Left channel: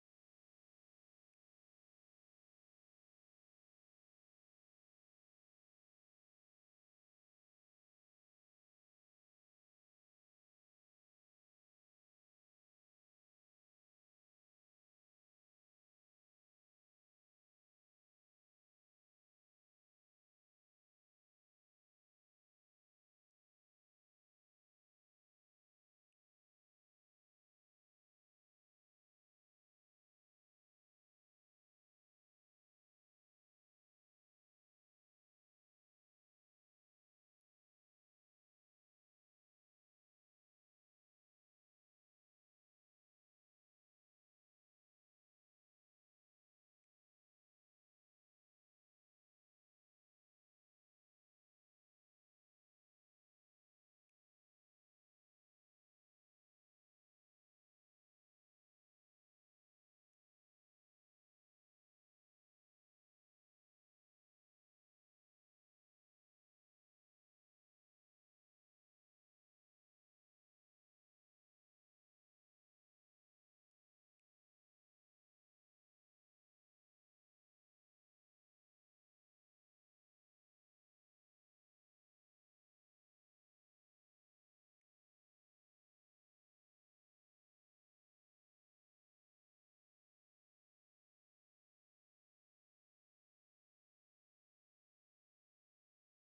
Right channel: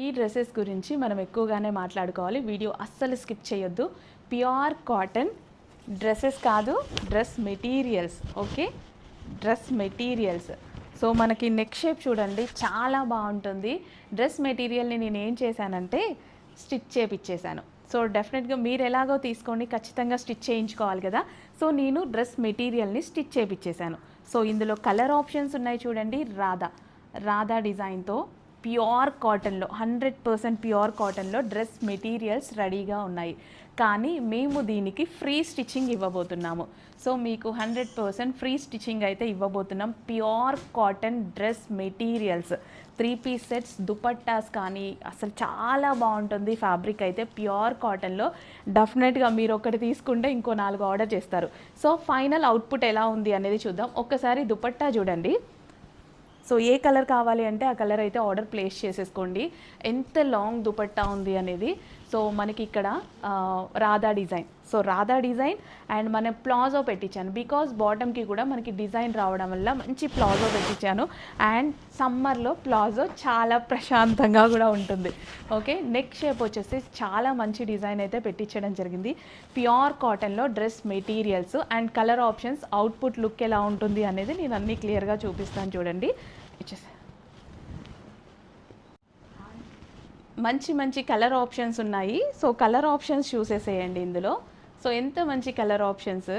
ఈ డ్రెస్సెస్ గురించి మనం ఎక్కువగానే మాట్లాడుకోవాలి. వీడియో అస్సలు స్కిప్ చేయొద్దు. ప్యూర్ కాటన్ డ్రెస్సెస్ కాదు, dress materials. Okay, dress materials. So మనకి నెక్ షేప్ చూడండి, చాలా బాగుంటుంది. డ్రెస్ మెటీరియల్ని నేను ఏం చేశానంటే స్టిచ్ చేపిచ్చేసాను. సో డెఫినెట్గా మీరు ఎలాగో తీసుకోండి, ఖచ్చితంగా స్టిచ్ చేయించుకోవాలి కదా. సో నేను డ్రెస్ మెటీరియల్ని స్టిచ్ చేపిచ్చేసాను. సో ఇందులో కలర్ ఆప్షన్స్ ఉన్నాయి చూడండి. రాధా డిజైన్తో ప్యూర్ కాటన్లో 100% ప్యూర్ కాటన్లో డ్రెస్ మెటీరియల్స్ రెడీగా ఉన్నాయి. కానీ మేము దీనికి ఫ్రీ స్టిచ్చింగ్ ఇవ్వబోతున్నాము. సో మీకు 100% ఫ్రీ స్టిచ్చింగ్ అయితే ఇవ్వబోతున్నాం. Pure cotton dress materials, 3 piece sets, dupattas కానీ అసలు చాలా బాగుంటుంది. ఫ్యాబ్రిక్ అయితే ప్యూర్ కాటన్లో డెఫినెట్గా మీరు ఒకటి తీసుకుంటే ఇంకో 4 ఆర్డర్ చేస్తారు. సో ఫైనల్ అవుట్పుట్ ఎలా ఉంది అనేది చూద్దాం. ఒక్కసారి దుపట్టా చూడండి. సో ఏ కలర్ కావాలి అంటే ఆ కలర్ అయితే ఆర్డర్ ప్లేస్ చేసేసుకోండి. ఎంత లాంగ్ దుపట్టా ఉంది అనేది. సో మనకి ఇక్కడ Radha design. So Radha design and మనం ప్లాజో పెట్టించాను. బికాజ్ బాటమ్కి కూడా మనకి డిజైన్ రావడం వల్ల మంచి ప్లాజో పెట్టించాను. అండ్ సమ్మర్లో ప్లాజో చాలా ప్రశాంతంగా కూడా ఉంటుంది. ఓకే, నెక్ షేప్ వచ్చేసి చాలా మంచి డిజైన్ అయితే పెట్టించడం జరిగింది. ప్యూర్ కాటన్లో dress materials and colour options, output look ఎలా ఉంటుంది అనేది నేను అన్నీ క్లియర్గా చూపిస్తాను చూడండి. మంచి కలర్ ఆప్షన్స్ ఉన్నాయి. సో కలర్ ఆప్షన్స్ చూసేసేయండి ఇందులో. సో ఎంత మంచి కలర్ ఆప్షన్స్.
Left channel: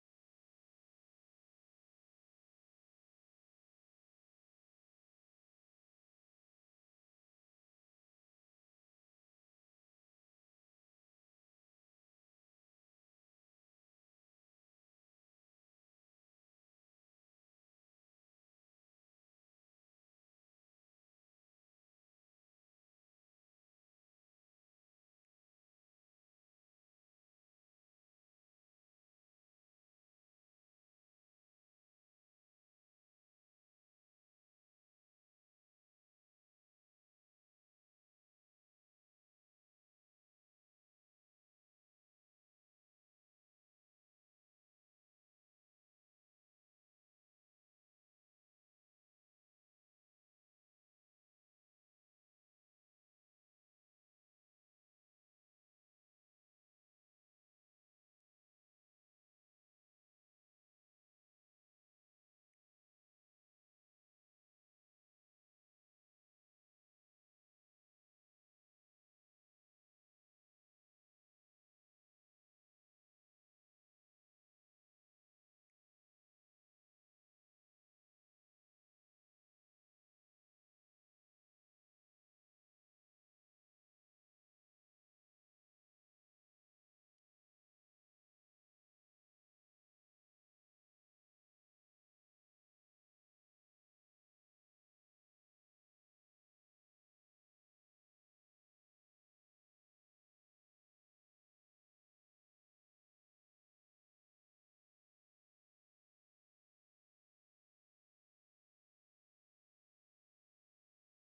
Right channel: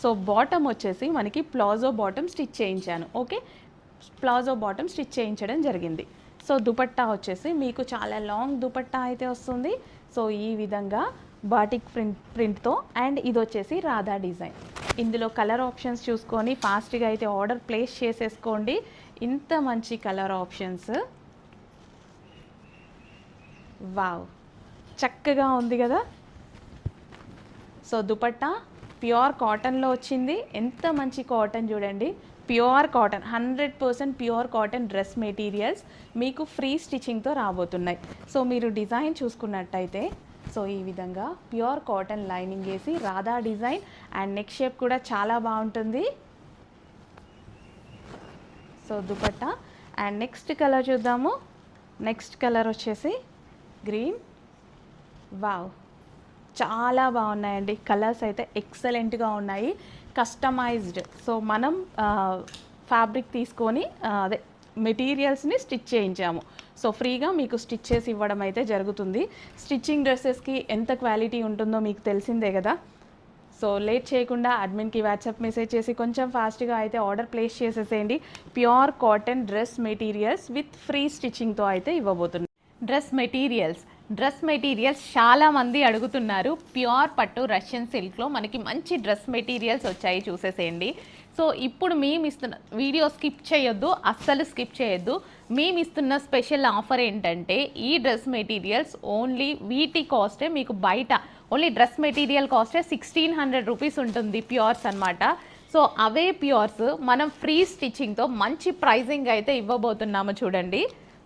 సో బాటమ్ వచ్చేసి మనకి ప్లాజో బాటమ్ స్టిచ్ చేయించాను. ఓకే, ప్లాజో బాటమ్ స్టిచ్ చేయించడం జరిగింది. సో దుపట్టా వచ్చేసి మీకు చాలా లాంగ్ దుపట్టా అయితే వస్తుంది. సో ఈ విధంగా బాటిక్ ప్రింట్తో. అండ్ ఇది వచ్చేసి రాధా డిజైన్. ఇందులో కలర్ ఆప్షన్స్ చూసుకొని ఫాస్ట్గా అయితే ఆర్డర్ ప్లేస్ చేసేసుకోండి. ఇంత మంచి కలర్ ఆప్షన్స్. వావ్, చక్కగా ఉంది కదా. సో దుపట్టా ప్యూర్ కాటన్లో వచ్చింది. ఎంత మంచి కాటన్ చూడండి. Pure cotton, 100% pure cotton dress materials మీకు ఫ్రీ స్టిచ్చింగ్తో రాబోతున్నాయి. సో మీరు డిజైన్ చూసుకున్నట్టయితే సో ఈ విధంగా ప్యూర్ కాటన్ లైనింగ్ వేసి Radha design and neck shape కూడా చాలా బాగుంటుంది. So dupatta and next colour చూద్దాము. నెక్స్ట్ కలర్ వచ్చేసి గ్రీన్. వావ్, చాలా బాగున్నాయండి. కలర్స్ అయితే ఎక్సలెంట్గా ఉన్నాయి. కస్టమైజ్డ్. సో మనం ఫ్యాబ్రిక్ తీసుకొని అదే మెటీరియల్స్ని స్టిచ్ చేయించాము. సో ఫ్రీగా మీకు స్టిచ్ చేసి ఇవ్వడం అయితే జరుగుతుంది. స్టిచ్చింగ్ డ్రెస్సెస్కి ఎంత క్వాలిటీ ఉంటుందో మీకు తెలిసిందే కదా. సో లేట్ చేయకుండా అడ్మిన్కి వాట్సాప్ మెసేజ్ చేసి కొంచెం ఫాస్ట్గా అయితే ఆర్డర్ ప్లేస్ చేసేసేయండి. Pure cotton dress materials with free స్టిచ్చింగ్తో అయితే ఇవ్వబోతున్నాం. డ్రెస్ మెటీరియల్స్ చాలామంది అడుగుతున్నారు. ప్యూర్ పట్టు రష్యన్ సిల్క్లో మనకి మంచి డ్రెస్ మెటీరియల్స్ వచ్చాయి, చూసేసేయండి. సో ఇప్పుడు మేము ఇస్తున్న వీడియో స్కిప్ చేయొద్దు, అస్సలు స్కిప్ చేయొద్దు. మేము ఇస్తున్న స్పెషల్ ఆఫర్ ఏంటంటే ఈ డ్రెస్ మెటీరియల్స్ ఓన్లీ వీటి కాస్టే మీకు బయట ఓన్లీ డ్రెస్ మెటీరియల్ కాస్టే 1600 రూపీస్ ఉంటుంది, ప్యూర్స్ అనమాట. సో అవే ప్యూర్స్ మనం ఫ్రీ స్టిచ్చింగ్తో మంచి ప్రైజింగ్ అయితే ఇవ్వబోతున్నాము చూడండి.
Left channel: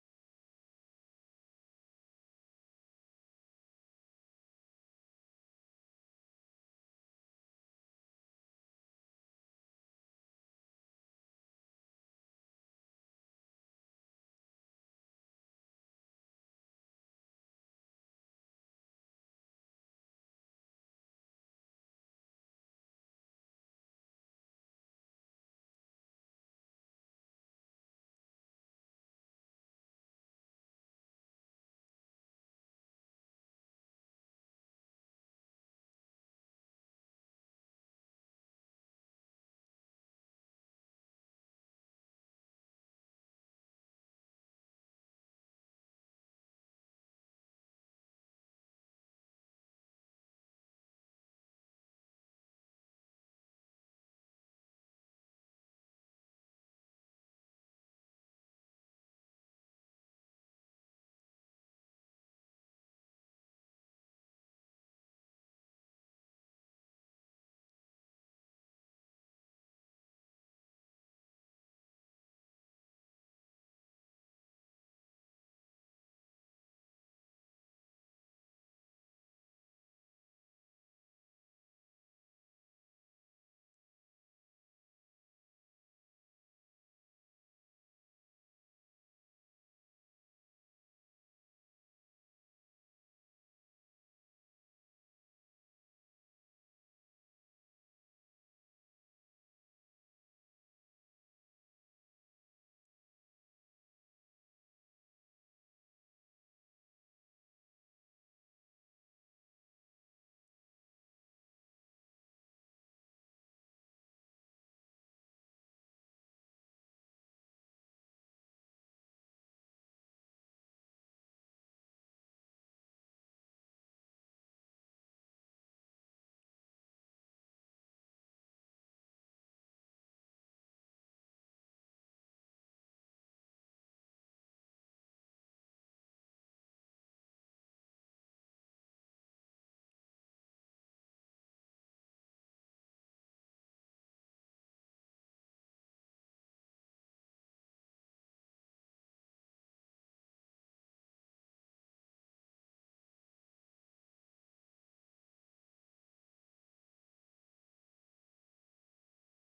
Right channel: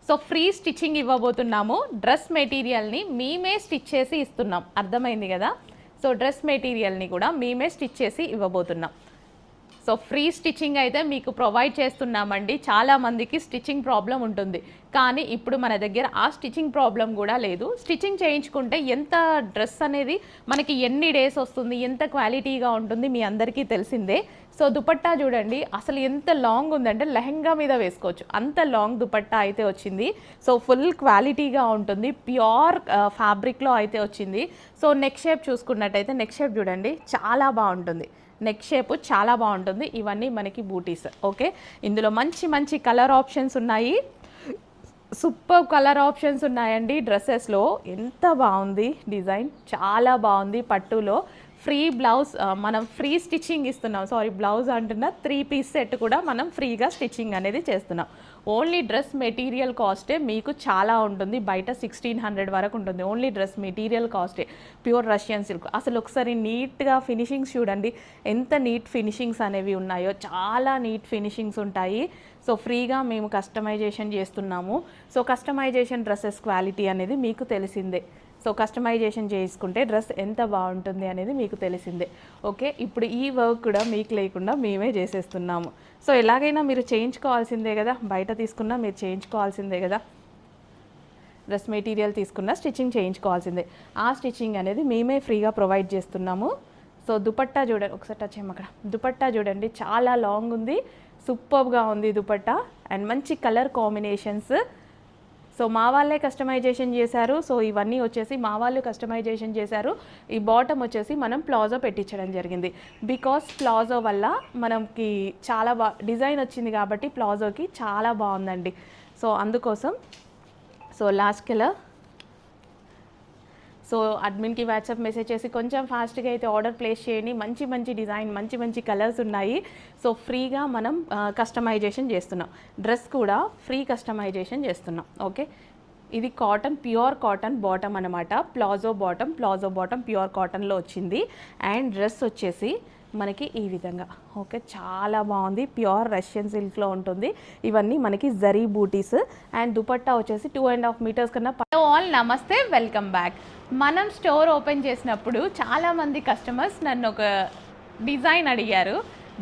సో ఫ్రీ స్టిచ్చింగ్ ఇవ్వబోతున్నాము. డ్రెస్ మెటీరియల్ని మేమే స్టిచ్ చేసి ఇస్తున్నాం, అర్థమైంది కదా. సో డ్రెస్ మెటీరియల్ని కూడా మేమే స్టిచ్ చేసి ఇవ్వబోతున్నాం. సో ఫ్రీ స్టిచ్చింగ్ అయితే మీకు ప్రొవైడ్ చేస్తున్నామండి. చాలామందికి స్టిచ్చింగ్ ప్రాబ్లం ఉంటుంది, కానీ ఇప్పుడు మన దగ్గర ఆ స్టిచ్చింగ్ ప్రాబ్లం కూడా లేదు. స్టిచ్చింగ్ చేయించుకుంటే ఎంత డ్రెస్ అనేది మనకి ఎన్ని డేస్ వస్తుంది, ఎంత క్వాలిటీగా ఉంటుంది మీ అందరికీ తెలిసిందే. సో దుపట్టా చూడండి, అసలు ఎంత లాంగ్ ఉందంటే లెహంగా మీద వేసుకోవచ్చు, అంత లాంగ్ దుపట్టా అయితే వచ్చింది. సో ఫుల్ క్వాలిటీగా ఉంటుంది, ప్యూర్ ఫ్యాబ్రిక్లో అయితే వచ్చింది. సో నెక్ షేప్ చూసుకున్నట్టయితే నెక్ షేప్ చూడండి, చాలా బాగుంటుంది. నెక్ షేప్ చాలా బాగుంటుంది. ఇవన్నీ మనకి బూటీస్. ఓకే, ఇందులో మంచి కలర్ ఆప్షన్స్ ఉన్నాయి. సూపర్ కలర్ ఆప్షన్స్ ఉన్నాయండి. డ్రెస్సెస్లో ఎంత బాగుంది డిజైన్, చాలా బాగుంది. పట్టులో ఫ్రీ బ్లౌజ్ మనం ఫ్రీ స్టిచ్చింగ్ ఇస్తున్నాం. సారీ, బ్లౌజ్ అంటున్నా, 3 పీస్ సెట్ కూడా మనం ఫ్రీగా స్టిచ్చింగ్ అనేది చేస్తున్నాం. ఓన్లీ డ్రెస్ మెటీరియల్ కాస్టే మీకు చాలా ఉంటుంది. బయట 1600 వరకు ఉంటుంది. ఓన్లీ డ్రెస్ మెటీరియల్ కాస్టే, ప్యూర్ రష్యన్ సిల్క్. అసలు ఒకసారి నీట్గా ఫినిషింగ్స్ చూడండి, ఎంత నీట్ ఫినిషింగ్స్ అనేవి ఉన్నాయో. చాలా నీట్ ఫినిషింగ్స్ ఉంటాయి. సో ఫ్రీగా మేము కస్టమైజేషన్ చేస్తున్నాము. సో కస్టమైజేషన్ డ్రెస్సెస్ క్వాలిటీ అనేది మీకు తెలిసిందే. సో కస్టమైజేషన్ చేసుకుంటే డ్రెస్ ఎంత బాగుంటుంది అనేది మీకు తెలిసిందే. ఓకే, ఇప్పుడు ఈ వర్క్ కూడా మీకు లేకుండా మేమే చేసేస్తున్నాము. సో ఎలాగైనా మీరు చేయించుకోవాల్సిందే కదా, బయట తీసుకున్నా మీరు చేయించుకోవాల్సిందే కదా. డ్రెస్ మెటీరియల్ తీసుకున్న స్టిచ్చింగ్ చేయించుకోవాల్సిందే. ఆ స్టిచ్చింగ్ అనేది మేమే ఫ్రీగా ప్రొవైడ్ చేస్తున్నాము. సో దుపట్టా చూడండి, ఒకసారి టచ్ చేయము అక్కడ. దుపట్టా చూడండి, చాలా లాంగ్ ఉంది, సూపర్గా ఉంది దుపట్టా అండ్ మంచి కలర్ కాంబినేషన్స్. సో మా వాళ్ళే కస్టమైజేషన్ చేశారు. సో ఇవన్నీ వచ్చేసి మా వాళ్ళు కస్టమైజేషన్ చేశారు. ఈ బాటమ్ వచ్చేసి మనం ప్లాజో పెట్టించడం జరిగింది. బికాస్ ప్లాజో వల్ల మనకి చాలా డిజైన్ వచ్చింది కాబట్టి ప్లాజోకి చాలా బాగుందండి. సో అందుకోసం సో లాస్ట్ కలర్. సో అడ్మిన్కి వాట్సాప్ మెసేజ్ చేసి కొంచెం ఫాస్ట్గా అయితే ఆర్డర్ ప్లేస్ చేయండి. మంచి మంచి డిజైన్, మంచి మంచి కలర్స్ ఉన్నాయి. సో ఫ్రీగా మనం కస్టమైజేషన్ చేస్తున్నాం. డ్రెస్ కూడా ఫ్రీ కస్టమైజేషన్ చేస్తున్నాం. ఓకే, ఇది కాటన్, ప్యూర్ కాటన్ బాటమ్ అనమాట. ప్లాజో బాటమ్ ప్యూర్ కాటన్లో వచ్చింది. అండ్ డ్రెస్ వచ్చేసి మనకి ఈ విధంగా ఓకే, చాలా బాగుంది. ప్యూర్ రష్యన్ సిల్క్లో ఉంటుంది. ఇవన్నీ మనకి జరీ బూటీస్. అండ్ దుపట్టా వచ్చేసి 2.5 మీటర్స్ కన్నా. ఆల్ నమస్తే, వెల్కమ్ బ్యాక్. మనం స్టోర్ ఓపెన్ చేసినప్పుడు చాలామంది కస్టమర్స్ నన్ను ఒక డిజైన్ అడిగారు.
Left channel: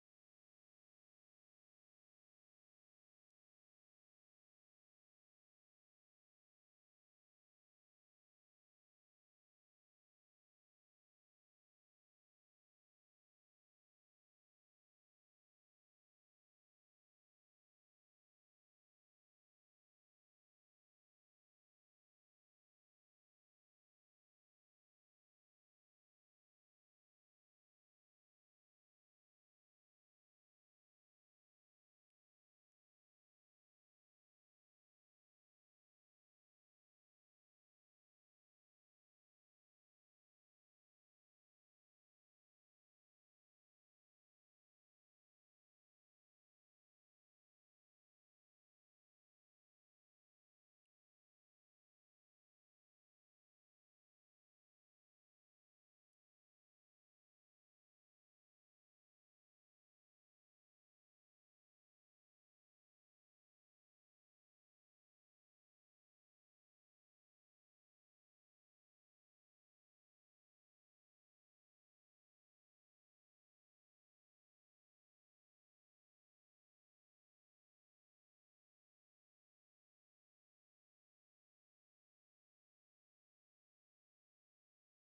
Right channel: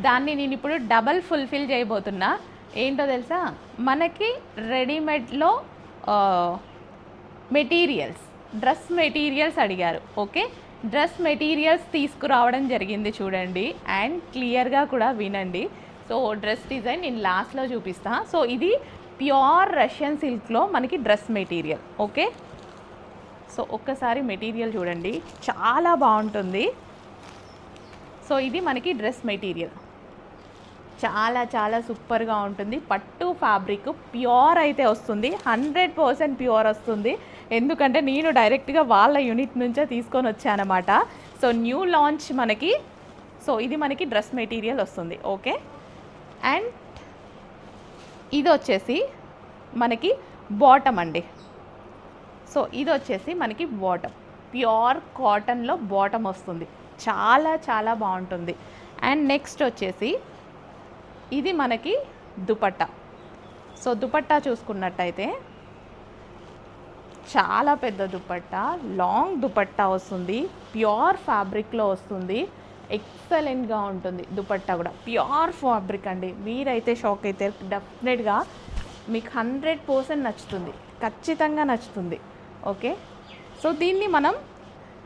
దాన్ని నేను ఇప్పుడు డబల్ ఫుల్ఫిల్ చేయబోతున్నా. ఏంటో తెలుసా, మనకి రెడీమేడ్లో మెటీరియల్స్, డ్రెస్ మెటీరియల్స్ అడిగారు. ఓకే, డ్రెస్ మెటీరియల్స్ తీసుకురావడం జరిగింది చూడండి. అండ్ క్లియర్గా కూడా వినండి. సో డ్రెస్ డిజైన్ నేను లాస్ట్లో చూపిస్తాను. సో ఇది ప్యూర్ రష్యన్ సిల్క్లో మనకి డ్రెస్ మెటీరియల్. ఓకే, సో ఒక్కసారి మెటీరియల్ చూడండి, చాలా బాగుంటుంది. సో ఇది మనకి డ్రెస్ మెటీరియల్, చాలా చాలా సూపర్గా ఉంటుంది. పట్టు ఫ్యాబ్రిక్ ప్యూర్ అయితే వస్తుంది, 100% ప్యూర్ వస్తుంది. ఎందుకంటే నేను డైరెక్ట్గా వాళ్ళ యూనిట్ నుంచే తీసుకొని వచ్చానమాట. సో న్యూ లాంచ్ మనకి. సో ఇది మనకి డ్రెస్ మెటీరియల్ వస్తుంది. ఓకే, అండ్ ఇది వచ్చేసి మనకి బాటమ్ అండి. సో ఇది వచ్చేసి మనకి బాటమ్, ప్యూర్ కాటన్లో బాటమ్ వస్తుంది, చాలా చాలా బాగుంటుంది. అండ్ నెక్స్ట్ వచ్చేసి ఇది మనకి దుపట్టా. సో దుపట్టా చూసుకున్నట్టయితే చాలా పెద్ద దుపట్టా, లాంగ్ దుపట్టా వస్తుంది, ప్యూర్ ఫ్యాబ్రిక్లో వస్తుంది. ఎక్సలెంట్గా ఉంటుంది దుపట్టా కూడా, ప్యూర్ ఫ్యాబ్రిక్ అండి. మీరైతే షాక్ అయితే, డెఫినెట్గా మీకు 100% నచ్చుతుంది, ఖచ్చితంగా నచ్చుతుంది. ఓకే, సో దీన్ని మనం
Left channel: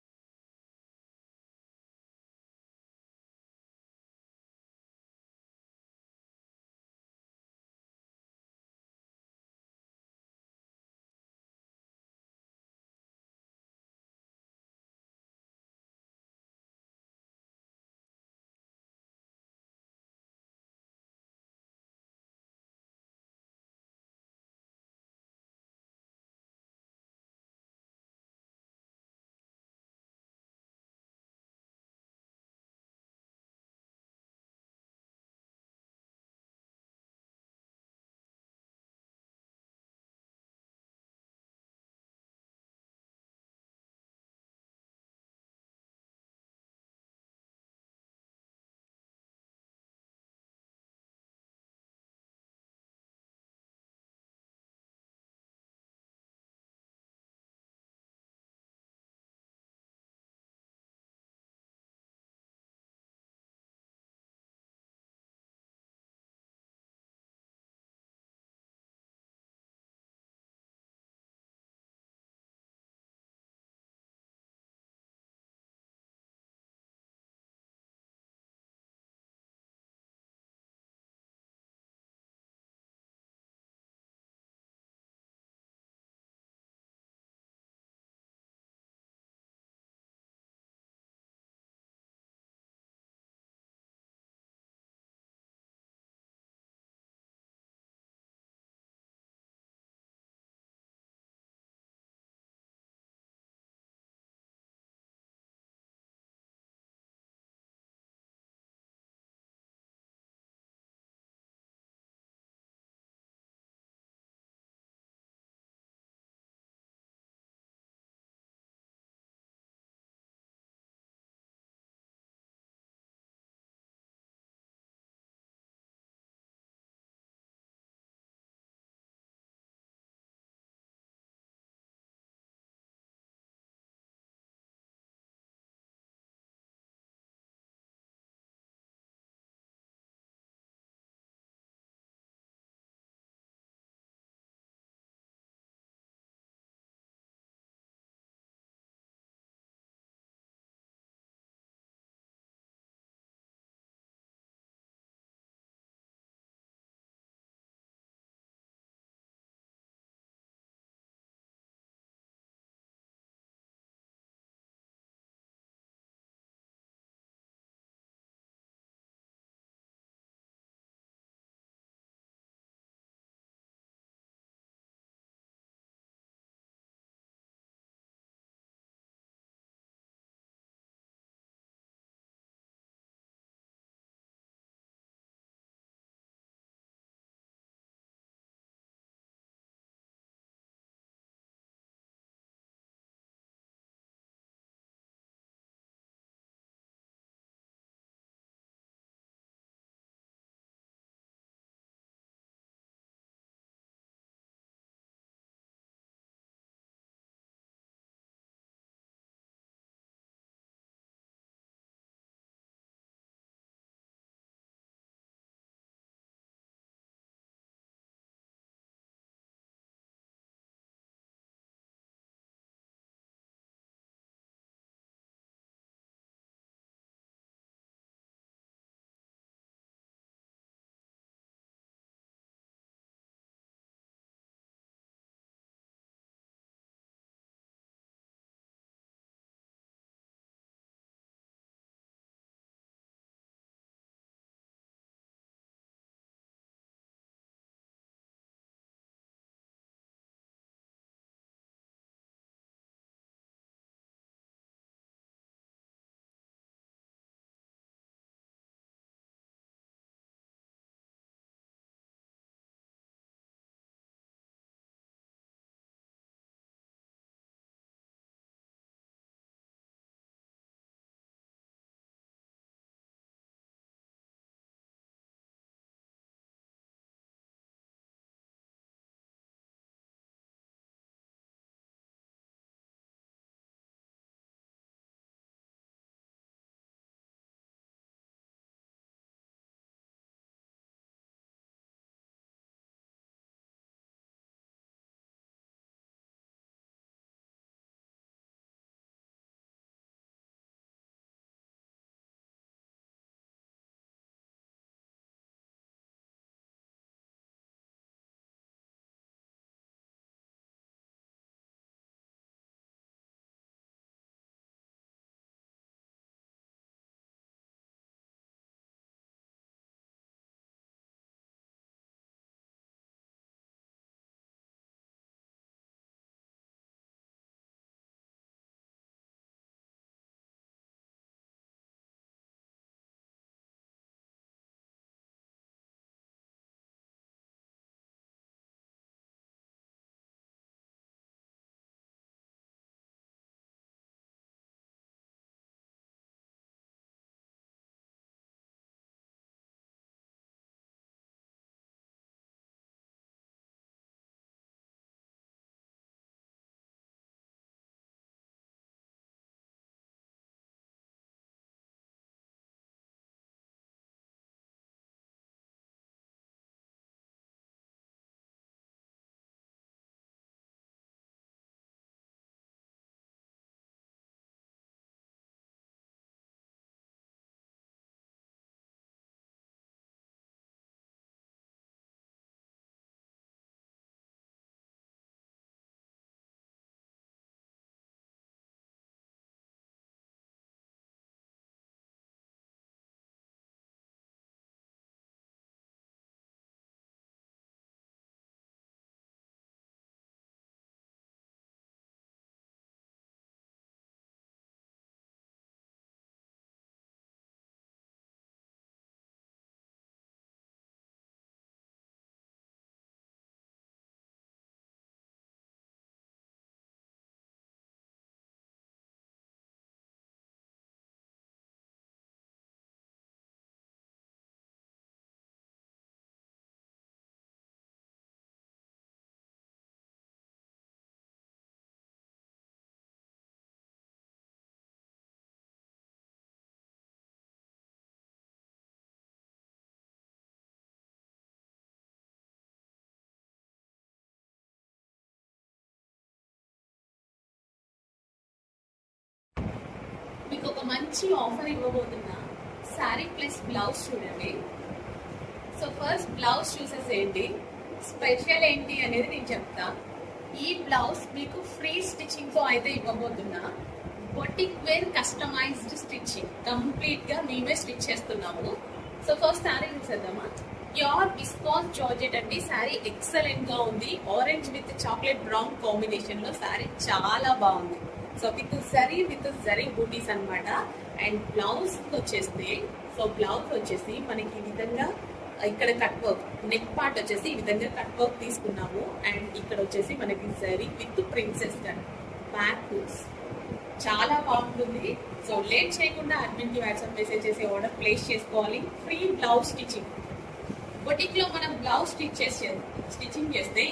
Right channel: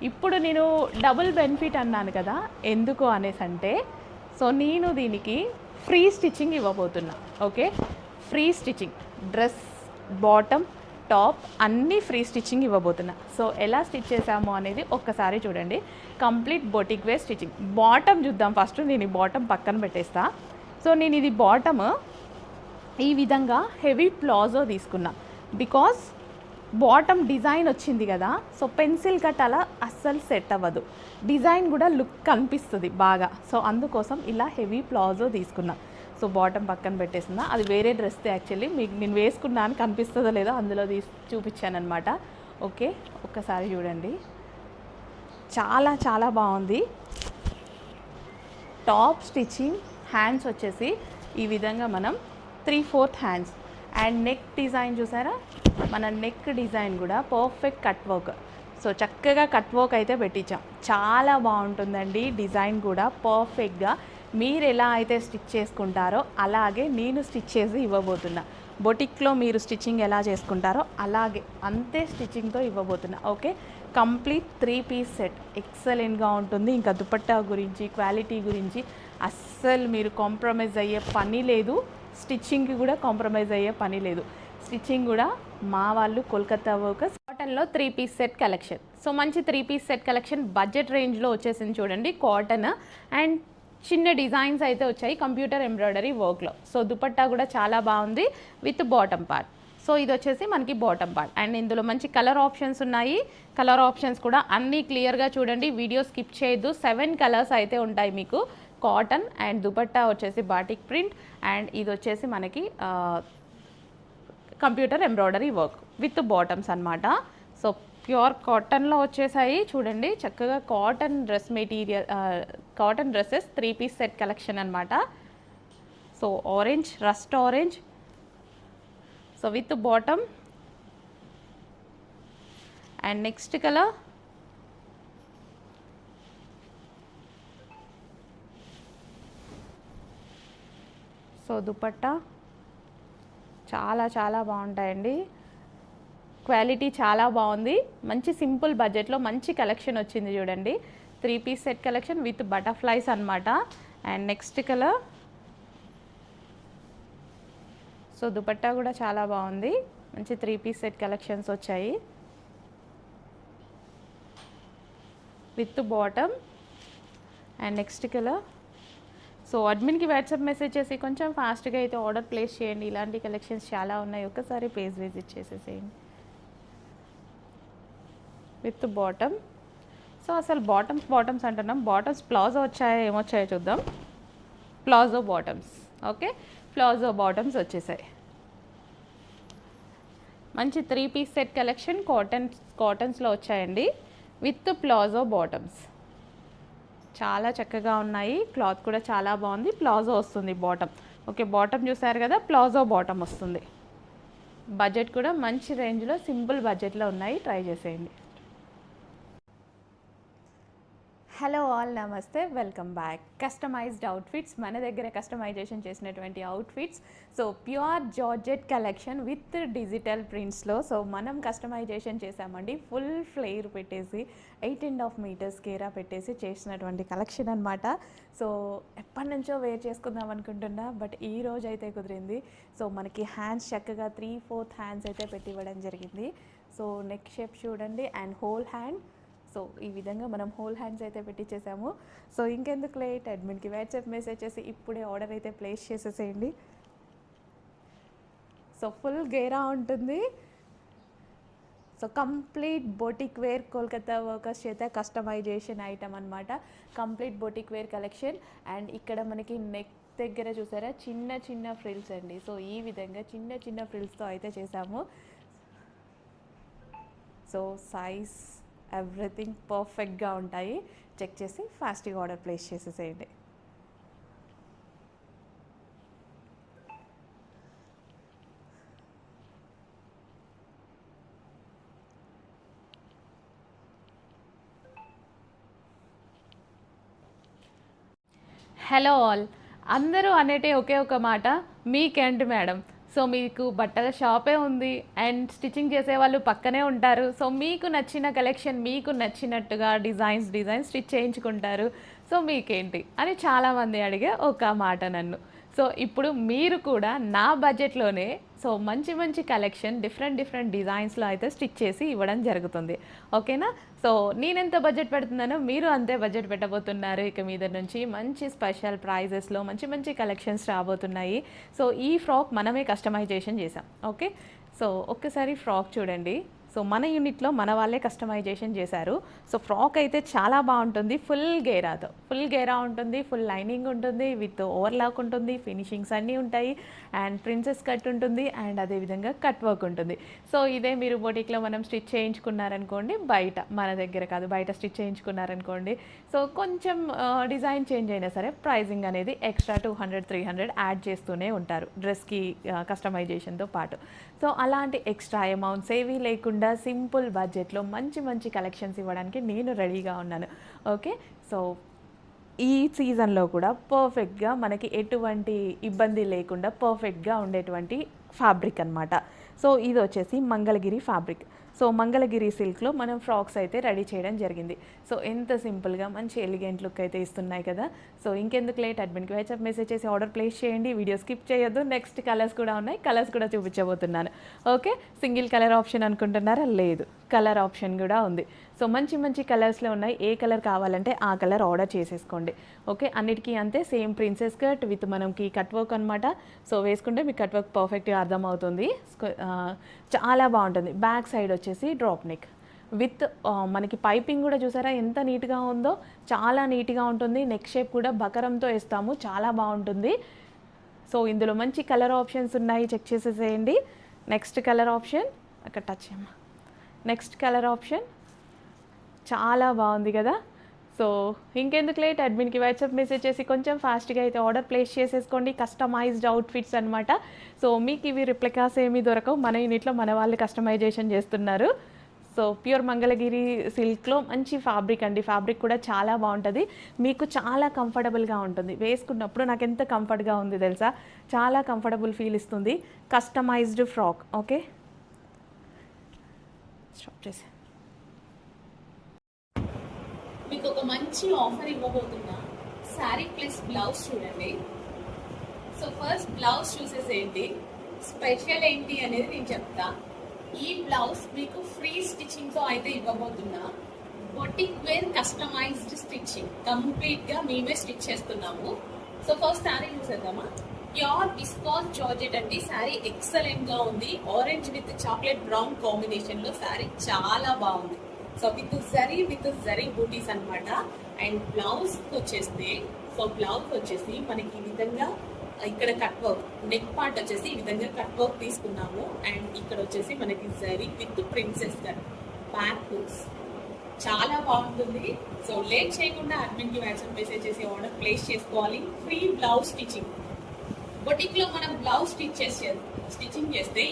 ఇప్పుడు నేను డబుల్ బెనిఫిట్ అన్నాను కదా, ఎందుకు అనేసి అంటే, సో నేను దీనికి ఫ్రీ స్టిచ్చింగ్ ఇవ్వబోతున్నా. Okay, free stitching, dress bottom top అన్నీ ఫ్రీ స్టిచ్చింగ్ ఇవ్వబోతున్నా. సో ఎలా స్టిచ్ చేసాము అనేది ఒక్కసారి చూడండి. Complete boutique wear stitching. Bottom చూద్దాం ఫస్ట్. నేను ఈ బాటమ్ పక్కన పెట్టేస్తా. సో నేను ఇది బాటమ్ ఈ విధంగా హెవీ ప్లాజో తీసుకున్నా. బికాస్ బాటమ్ డిజైన్ వచ్చింది కదా, సో పెన్సిల్ కట్ అలా అస్సలు సెట్ అవ్వదు, డిజైన్ కూడా లుక్ కనిపిస్తుంది బాగా. సో అందుకోసం ఇలా హెవీ ప్లాజో తీసుకున్నా. సో బాటమ్ పక్కన పెట్టేసిందా, అది వేరే డ్రెస్ యాక్చువల్లీ. మీకు నేను వేసుకున్నాను, కనిపిస్తుందో లేదో అందులో చూపించాను అనమాట. ఓకే, ఒక్కసారి చూడండి, చాలా చాలా బాగుంది. టాప్ స్టిచ్చింగ్, హ్యాండ్స్ వచ్చేసి ఈ విధంగా మనం 3/4 హ్యాండ్స్. అండ్ నెక్ డిజైన్ చూసారా, మన నెక్ డిజైన్ కూడా పర్ఫెక్ట్ కట్ వర్క్. సో చక్కగా కట్ వర్క్ అయితే పెట్టించాం, చాలా బాగుంటుందండి. డిజైన్ కూడా పర్ఫెక్ట్గా మీరు ఎలా అయితే స్టిచ్ చేసుకుంటారో అలాగే నేను స్టిచ్ చేసి ఇవ్వబోతున్నా. బొటిక్లో మీరు స్టిచ్చింగ్ ఎలా చేసుకుంటారో అలాగే అంతే స్టిచ్చింగ్తో ఇవ్వబోతున్నా. ఓకే, కంప్లీట్ 3 పీస్ సెట్, ఎక్సలెంట్గా ఉంటుంది. ఇంకా దుపట్టా గురించి, క్వాలిటీ గురించి అస్సలు మీరు కాంప్రమైజ్ అయ్యే పని లేదు. స్టిచ్చింగ్కి కూడా కాంప్రమైజ్ అయ్యే పని లేదు. స్టిచ్చింగ్ కూడా మా వాళ్ళు కోల్కతా వర్కర్స్. కాటన్లో 3 పీస్ సెట్ కలెక్షన్. సో మంచి 3 పీస్ సెట్ కలెక్షన్ బడ్జెట్ రేంజ్లో వచ్చేసింది చూడండి. కాటన్ అండ్ చిన్న డిజైన్స్ అయితే వచ్చాయి కంప్యూటర్ ఎంబ్రాయిడరీ వర్క్లో. సో దుపట్టా కూడా చాలా బాగుంది విత్ బాటమ్ పార్ట్. సో ఇది వచ్చేసి మనకి బాటమ్ పార్ట్. అండ్ ఇందులో మంచి కలర్ ఆప్షన్స్ ఉన్నాయి. కలర్ ఆప్షన్స్ కూడా అన్నీ క్లియర్గా చూడండి, వీడియో స్కిప్ చేయొద్దు. 7 కలర్స్ అయితే ఉంటాయి మీకు. కాటన్ అండ్ దుపట్టా వచ్చేసి బాటిక్ ప్రింట్. అండ్ ఇది వచ్చేసి మనకి computer embroidery work with bottoms అన్నమాట. సో ప్యూర్ కాటన్లో వచ్చేసాయి చూడండి, చక్కగా cotton dress material, cotton dresses 3 piece set collection అనమాట. So orange, rust orange, so with bottom. And next colour so dupatta చాలా చాలా బాగుంటాయండి. క్వాలిటీ చాలా బాగుంది. మంచి సింపుల్ బడ్జెట్లో మంచి కలెక్షన్ వచ్చింది చూడండి. 3 piece set collection with butterflies అనమాట. And next colour. So dupatta కూడా చాలా బాగుంది. మంచి 3 పీస్ సెట్ కలెక్షన్స్ వచ్చాయి with bottom. And next colour. So అడ్మిన్కి వాట్సాప్ మెసేజ్ చేసి కొంచెం ఫాస్ట్గా అయితే ఆర్డర్ ప్లేస్ చేయండి. ఇలాంటి కలెక్షన్స్ చాలా ఉన్నాయి, ఒక్కసారి పేజ్ విజిట్ చేసేసేయండి. With bottom. సో అసలు బాటమ్స్ అంటున్నాం, బాటమ్స్ ప్లాజో వచ్చాయో ఏమొచ్చాయో చూద్దాం. Palazzo bottoms. Okay, palazzo bottoms వచ్చేసాయి. మంచి 3 పీస్ సెట్ కలెక్షన్ కాటన్స్లో వచ్చాయండి విత్ ప్లాజో బాటమ్స్. చాలా చక్కగా ఉన్నాయి. క్లాత్ కూడా చాలా బాగుంది. ప్లాజో వస్తుంది బాటమ్. ఓకే, బాటమ్ చూసారు కదా, ప్లాజో బాటమ్ వస్తుంది. బడ్జెట్ కూడా మంచి రేంజ్లో సింపుల్ బడ్జెట్లో ఉన్నాయి, ట్రై చేసేయండి. హలో ఆల్, నమస్తే, వెల్కమ్ బ్యాక్. కస్టమైజ్డ్ అవుట్ఫిట్స్, మన దగ్గర కస్టమైజేషన్ చేసినటువంటి అవుట్ఫిట్స్. So pure georgette collection with digital ప్రింట్స్లో. సో మనం కస్టమైజేషన్ చేసామండి. ఫుల్ ఫ్లేర్ పెట్టేసి 8.5 మీటర్స్ కేరా పెట్టేసి చేసినటువంటి కలెక్షన్ అనమాట. సో ఎప్పటి నుంచో వేర్ చేసుకుందాం అనుకుంటున్నా, బట్ ఈ రోజు అయితే కుదిరింది. సో మనకి హ్యాండ్స్ చక్కగా 3/4 హ్యాండ్స్ అయితే పెట్టి ఇవ్వడం జరిగింది. సో నెక్ షేప్ చూడండి అండ్ హోల్ హ్యాండ్. సో ఈ విధంగా మనం హోల్ హ్యాండ్స్ అయితే పెట్టించేసాము. సో ఇంకెందుకు లేట్, అడ్మిన్కి వాట్సాప్ మెసేజ్ చేసి ఇప్పుడే ఆర్డర్ అయితే ప్లేస్ చేసేసేయండి. సో ఫుల్ గేరా ఉంటుంది. So complete boutique wear Kolkata workers చేత కస్టమైజేషన్ ఐటమ్ అనమాట. Complete boutique wear collection. And ఇక్కడ మనకి నెక్ దగ్గర చూసారా చిన్న చిన్న ఫ్రిల్స్ అండి. సో ఈ విధంగా చిన్న చిన్న ఫ్రిల్స్తో అయితే చేసాము. సో సైజ్ ఎవ్రీథింగ్ పర్ఫెక్ట్గా ఉంటాయి. చెక్ చేసి ఫాస్ట్గా ఆర్డర్ ప్లేస్ చేసేసేయండి. హలో ఆల్, అందరూ అనేటే ఒకే ఒక మాట, మీకేంటి మేడం. సో మీకు బట్టల షాపే ఉంది అండ్ స్టిచ్చింగ్ చేసే వాళ్ళు పక్కనే ఉంటారు. సో మీకు నచ్చిన కలెక్షన్ మీకు నచ్చినట్టుగా డిజైన్స్ స్టిచ్ చేయించుకుంటారు. సో మీకేంటి అని చాలామంది అడిగే ఒక మాట నన్ను. సో ఇప్పుడు మీరు కూడా నా బడ్జెట్లోనే సో మంచి మంచి కలెక్షన్ డిఫరెంట్ డిజైన్స్లో అయితే స్టిచ్ చేసి ఇవ్వడం జరుగుతుంది. ఓకేనా. సో నేనెంత బడ్జెట్ పెడుతున్నానో మీరు అంతే బడ్జెట్ పెట్టబోతున్నారు. ఇక మీద నుంచి మంచి స్పెషల్ ప్రైజెస్లో మంచి కలెక్షన్స్ రాబోతున్నాయి. సో ఈ ఫ్రాక్ మనమే కస్టమైజేషన్ చేసాం. ఓకే, సో ఒక్కసారి ఫ్రాక్ చూడండి. సో మన యూనిట్లో మన వాళ్ళే కస్టమైజేషన్ చేశారు. సో ఫ్రాక్ అయితే చాలా బాగుంటుంది. ఫుల్ గేరా ఉంటుంది, ఫుల్ లైనింగ్ ఉంటుంది, విత్ ఓవర్లాక్ ఉంటుంది, ఫినిషింగ్స్ అన్నీ ఉంటాయి అండ్ ప్రిన్సెస్ కట్ ఉంటుంది అండ్ అదేవిధంగా కట్ వర్క్ ఉంటుంది. సో ఇదే మీరు బొటిక్లో మనం స్టిచ్ చేయించుకున్నారనుకోండి, బయట మన దగ్గర కాదు బయట స్టిచ్ చేయించుకున్నారనుకోండి, సో కొంచెం డిజైన్ చేంజ్ అయినా సరే ప్రైజింగ్ అనేది ఎక్స్ట్రా 200-300 యాడ్ చేస్తూనే ఉంటారు డ్రెస్కి కస్టమైజేషన్తో పాటు. సో అలాంటి ఎక్స్ట్రా అమౌంట్స్ ఏవీ లేకుండా సింపుల్ బడ్జెట్లో మంచి కలెక్షన్స్ ఇవ్వడానికి నేను రెడీగా ఉన్నాను. ఓకే, సో ఈ సీజన్లో కూడా పర్ఫెక్ట్గా మనకి ఎటువంటి ఇబ్బంది లేకుండా పర్ఫెక్ట్గా ఉండేటువంటి ఫ్యాబ్రిక్ అనమాట. సో ఇది వచ్చేసి మంగళగిరి ఫ్యాబ్రిక్. సో మంగళగిరి సిల్క్లో మనం ఫ్రాక్స్ అయితే రెడీ చేయడం జరిగింది. సో ఎంత సింపుల్గా మంచి ఎలిగెంట్ లుక్ అయితే ఇస్తున్నాయి కదా. సో ఇంకెందుకు లేట్, అడ్మిన్కి వాట్సాప్ మెసేజ్ చేసి ఆర్డర్ ప్లేస్ చేయండి. వీడియో స్కిప్ చేయొద్దు. నెక్స్ట్ కలర్స్ కూడా ఉన్నాయి, కలర్స్ కూడా చూపించబోతున్నాను. ఓకే, సింగిల్ కలర్ ఆప్షన్ అనుకుంటున్నారా? లేదు, కలర్ ఆప్షన్ కూడా ఉంది. సో మంచి కలర్స్లో ఉన్నాయి. ఏ కలర్ కావాలంటే ఆ కలర్ ఆర్డర్ చేసేసుకోండి. ఓకే, అన్నిటికీ అంతే సేమ్ ప్రిన్సెస్ కట్ విత్ మనకి కట్ వర్క్ అనమాట. సో వేసుకుంటే మీకు కట్ వర్క్ పర్ఫెక్ట్గా అర్థమవుతుంది. చాలా బాగుంటుంది. బ్యాక్ సైడ్ వచ్చేసి డ్రాప్ నెక్ విత్ మనకి పైపింగ్ కూడా చూసారా ఎంత నీట్గా ఉందో, చాలా నీట్గా ఉంటుంది. నెక్ షేప్ కూడా బకరంతో వేస్తాము, చాలా బాగుంటుంది. సో ఇందులో మంచి కలర్ ఆప్షన్స్ ఉన్నాయి, చెక్ చేసేసేయండి. నెక్స్ట్ కలర్ ఆప్షన్ అక్కడ టచ్ చేయమ్మా. నెక్స్ట్ కలర్ ఆప్షన్ చాలా బాగుంది కదా. సో ఇంకెందుకు లేట్, అడ్మిన్కి వాట్సాప్ మెసేజ్ చేసి కొంచెం ఫాస్ట్గా అయితే ఆర్డర్ ప్లేస్ చేసేసుకోండి. కస్టమైజ్డ్ అవుట్ఫిట్స్ అనమాట. సో మీకు ఇవి రిప్లికాస్ ఏమీ దొరకవు, మన యూనిట్లో మన వాళ్ళు కస్టమైజేషన్ చేస్తున్నారు. సో ప్యూర్ మంగళగిరి సిల్క్లో మంచి ఫ్యాబ్రిక్ అండి. ఫ్యాబ్రిక్ కూడా చాలా బాగుంటుంది, మీకు చాలా కంఫర్టబుల్గా ఉంటుంది. వేసుకున్నప్పుడు నాకు ఎంత కంఫర్ట్గా ఉంది తెలుసా, చాలా కంఫర్టబుల్ ఫీల్ ఇస్తుంది. Customized frock. ఓకే, స్టాప్ చేసి మీకు ఒక మంచి ఆఫర్ ఇవ్వబోతున్నా. శారీ ప్లస్ బ్లౌజ్ చూడండి. సో ఫస్ట్ బ్లౌజ్ చూసేసేయండి. స్పెషల్ ఏంటి అనేది నేను చెప్తా. ఈ బ్లౌజ్ మీకు ఫ్రీ స్టిచ్చింగ్ తో అయితే ఇవ్వబోతున్నా. Boutique wear customized stitching, complete గా మేమే స్టిచ్ చేస్తున్నాము. సో ఫస్ట్ శారీ చూసేద్దామా. ప్యూర్ విస్కాస్ జార్జెట్ అండి. శారీ ఎక్సలెంట్ గా ఉంది. Orange with chocolate brown combination లో శారీ చాలా బాగుంది. సో విత్ జరీ బూటీస్ అన్నమాట. అండ్ బ్లౌజ్ వచ్చేస్తే, సో బ్లౌజ్ వచ్చేసి మనకి ఈ విధంగా ఇక్కడ కట్ వర్క్, నెక్ పార్ట్ వచ్చేసి ఈ విధంగా కట్ వర్క్ తీసుకున్నాము. అండ్ ఇక్కడ వచ్చేసి మనకి zari with princess cut back hooks, చాలా బాగుంటుంది. సో లేట్ చేయకుండా అడ్మిన్ కి వాట్సాప్ మెసేజ్ చేసి ఆర్డర్ ప్లేస్ చేసుకోవాలి. Free blouse stitching. బొటిక్ లో మనం బ్లౌజ్ స్టిచ్చింగ్ చేస్తే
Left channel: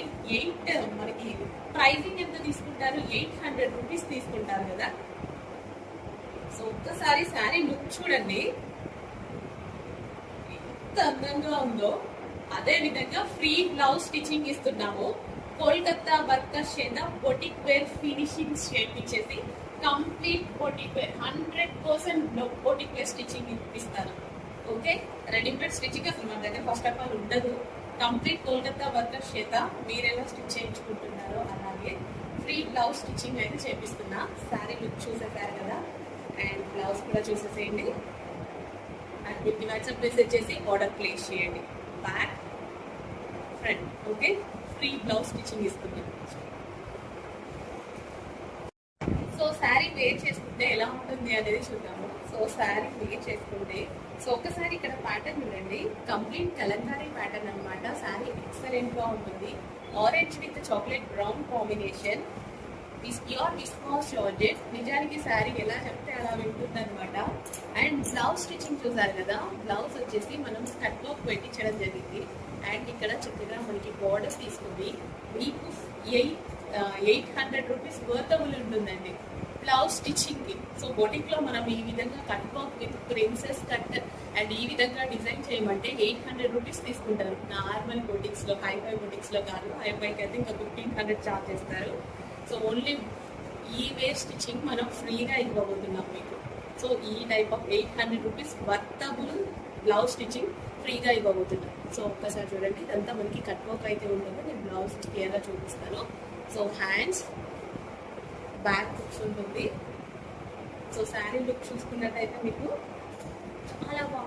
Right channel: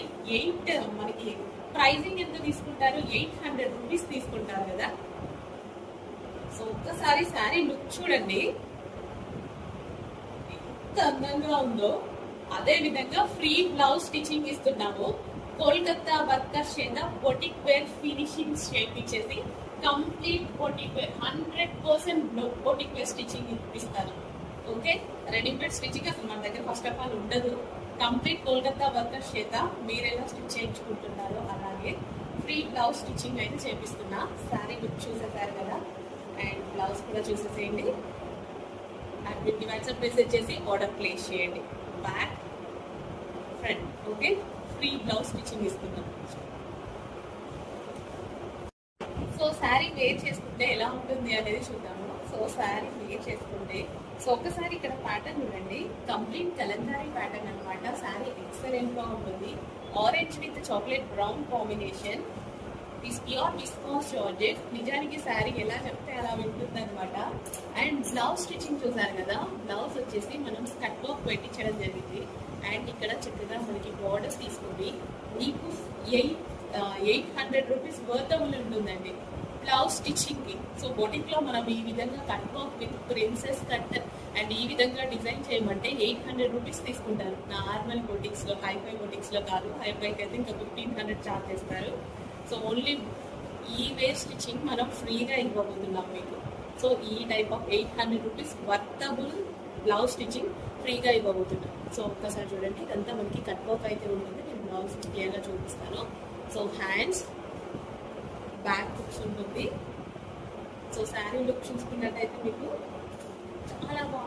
మనకి ప్రైజింగ్ ఎంత తీసుకుంటారు, 800 రూపీస్ తీసుకుంటారు కదా. సో ఒక్కసారి శారీ లుక్ చూడండి ఎంత అందంగా ఉందో. అదే విధంగా ఫ్రీ బ్లౌజ్ స్టిచ్చింగ్ ఇస్తున్నాము. కోల్కతా వర్కర్స్ చేత బొటిక్ వేర్ ఫినిషింగ్ చేపించేసి complete boutique wear 100% boutique wear stitching ఇప్పిస్తారు. ఓకే, రెడీమేడ్ స్టిచ్చింగ్ అసలు మన దగ్గర ఫస్ట్ ఆఫ్ ఆల్ ఉండదు. కంప్లీట్ కోల్కతా వర్కర్స్ చేత మీరు ఎలా స్టిచ్ చేయించుకుంటున్నారో అలాగే ఫ్రీ బ్లౌజ్ స్టిచ్చింగ్ అయితే చేపిస్తున్నా. శారీ లుక్ చూసేసారు కదా. అండ్ బ్లౌజ్ కూడా చూసేసేయండి. అండ్ వీటి వాట్సాప్ మెసేజ్ చేసి ఆర్డర్ ప్లేస్ చేయండి. Back front okay, free blouse stitching ఇస్తున్నాం. సో శారీ వేర్ చేసుకుంటే ఎలా ఉంటుంది అనేది చూద్దాము. సో శారీ వేర్ చేసుకుంటే, సో ఒకసారి ఇక్కడ ప్యాటర్న్ చూడండి. కంప్లీట్ కలంకారీ ప్యాటర్న్ అనమాట. శారీ ఎక్సలెంట్ గా ఉంటుంది. Orange with chocolate brown combination. Pure viscous georgette. నిజానికి శారీ ఎలా చెప్తే అలా వింటుంది అనమాట. అండ్ బ్లౌజ్ స్టిచ్చింగ్ చూసారు కదా. బ్లౌజ్ వచ్చేసి మనం కట్ వర్క్ పెట్టించడం జరిగింది. అండ్ ఇక్కడ చక్కగా మనకి బార్డర్స్ తీసుకుంది. మీకు 800 రూపీస్ వర్తబుల్ ఉంటుందండి బ్లౌజ్ స్టిచ్చింగ్ కి. సో బొటిక్ లో మనం ఈ విధంగా cut work with princess cut and ఈ విధంగా డిజైన్ చేయమంటే 800 రూపీస్ తీసుకుంటారు. నార్మల్ బొటిక్స్ లో, హైఫై బొటిక్స్ లో కాదు. హైఫైకి అయితే ఇంకా 1500 చార్జ్ చేస్తారు. సో ఓన్లీ ఈ వేర్ స్టిచ్చింగ్ మనం ఫ్రీగా ఇవ్వబోతున్నాం మీకు. సో ఈ type of 800 rupees worthable blouse stitching ఫ్రీగా ఇవ్వబోతున్నాం. సో ఒక్కసారి చూడండి. ఇదంతా మనకి కట్ వర్క్ అయితే ఉంటుంది. నేను బ్లౌజ్ క్లియర్గా చూపిస్తాను. సో హ్యాండ్స్, బ్యాక్ లుక్స్ ఉంటుంది. సో శారీ లుక్ చూసుకున్నట్టయితే మీకు చాలా బాగుంటుంది.